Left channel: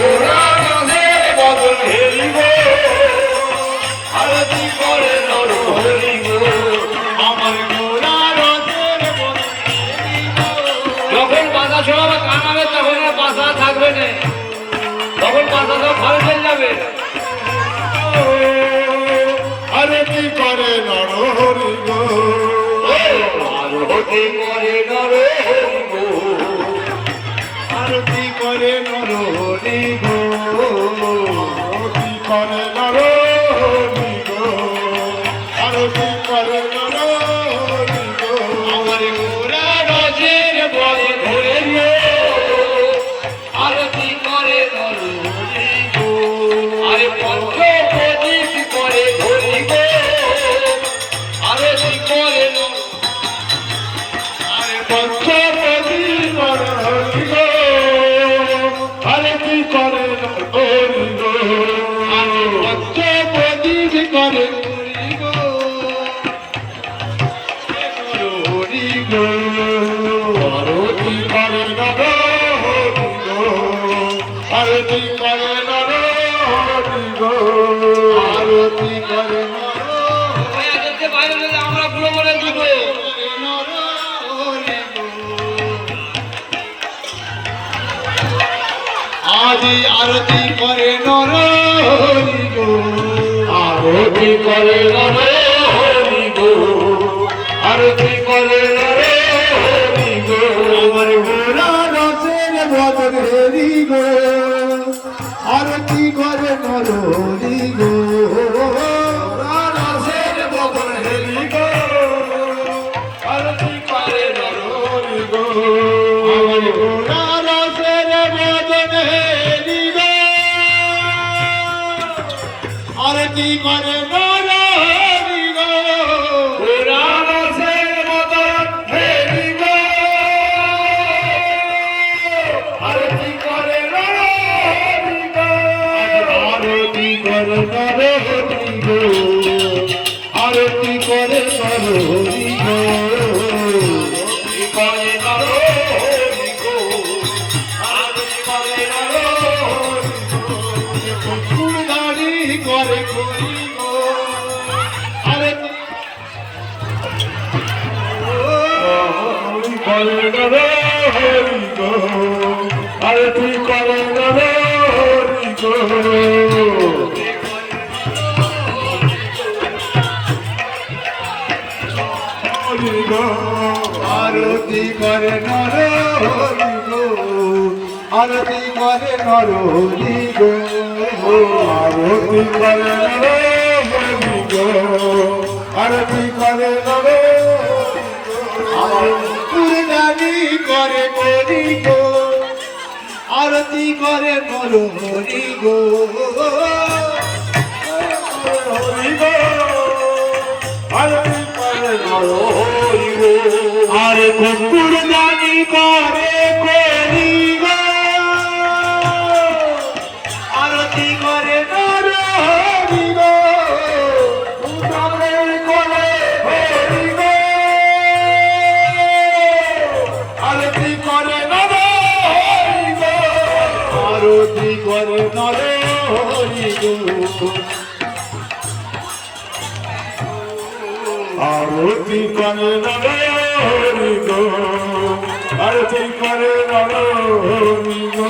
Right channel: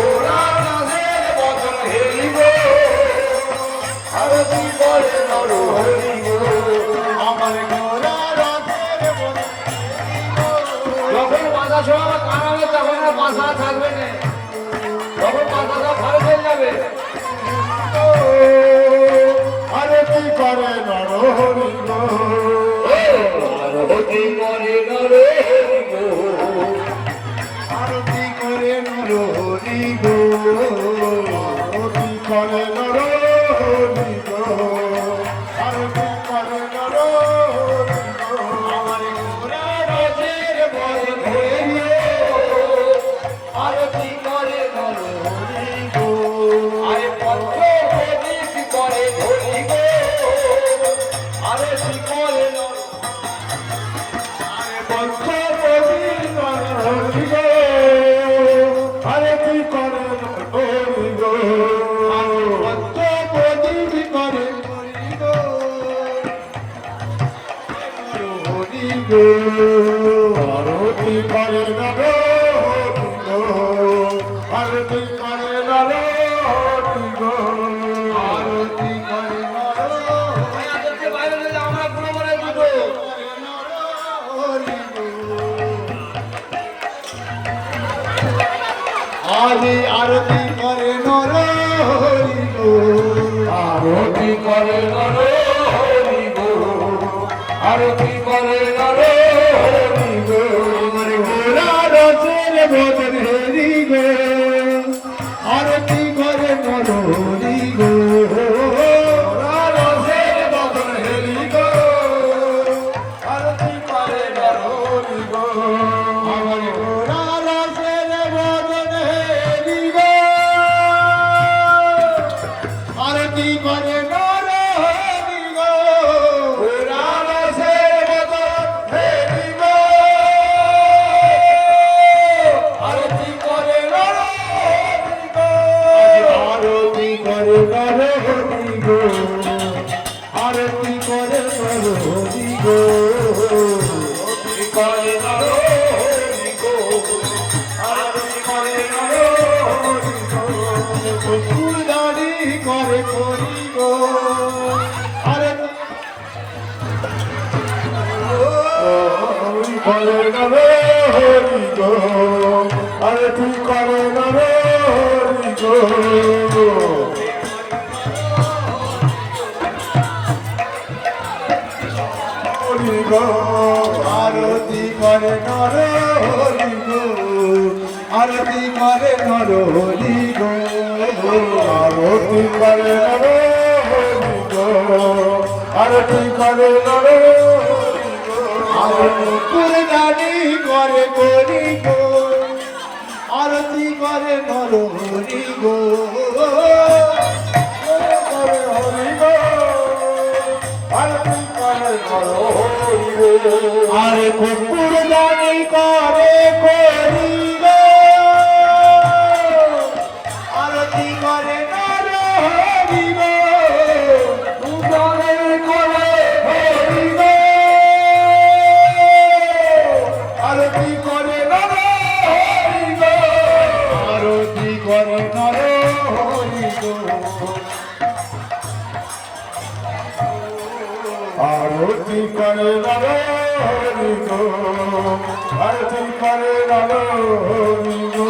ওরা রসের বদন হেলি গো আরতি করে নর হরি গো আমার গোরা রসের বদন হেলি গো। যখন বাধা সব কানাবে তখন আর বাধা থাকবে না, তখন বাধা সব ভালো চলে যাবে। আরতি করে নর হরি গো আরতি করে নর হরি গো আরতি করে নর হরি গো আরতি করে নর হরি গো আরতি করে নর হরি গো আমার গোরা রসের বদন হেলি গো আরতি করে নর হরি গো। আরে পঞ্চ প্রদীপ করে ধরি গো আরতি করে নর পঞ্চপতি নর হরি গো আরতি করে নর হরি গো পঞ্চপতি করে হরি গো হরি গো আরতি করে নর হরি গো আরতি করে নর হরি গো আরতি করে নর ওই আজকে বাইরে গেলে আমরা পুরো মনে দুটো আদি আরতি করে নর হরি গো আরতি করে নর হরি গো আরতি করে নর হরি গো আমার গোরা রসের বদন হেরি গো আরতি করে নর হরি গো রসের বদন হেরি গো আরতি করে নর হরি গো আমার গোরা রসের বদন হেরি গো আরতি করে নর হরি গো গোরা রসের বদন হেলি গো আরতি করে নর হরি গো আরতি করে নর হরি গো আরতি করে নর হরি গো করে নর হরি গো আরতি করে নর হরি গো ফুলদারি করে করি গো আরতি করে নর হরি গো আরতি করে নর হরি গো হরি গো আরতি করে নর হরি গো আরতি করে নর হরি গো আরতি করে নর হরি গো আরতি করে নর হরি গো কুরবানি করে করি গো আরতি করে নর হরি গো হরি গো আরতি করে নর হরি গো আর কুরবানি করে করি গো আরতি করে নর হরি গো কুরবানি করে হরি গো আরতি করে নর হরি গো আরতি করে নর হরি গো আরতি করে নর হরি গো আরতি করে নর হরি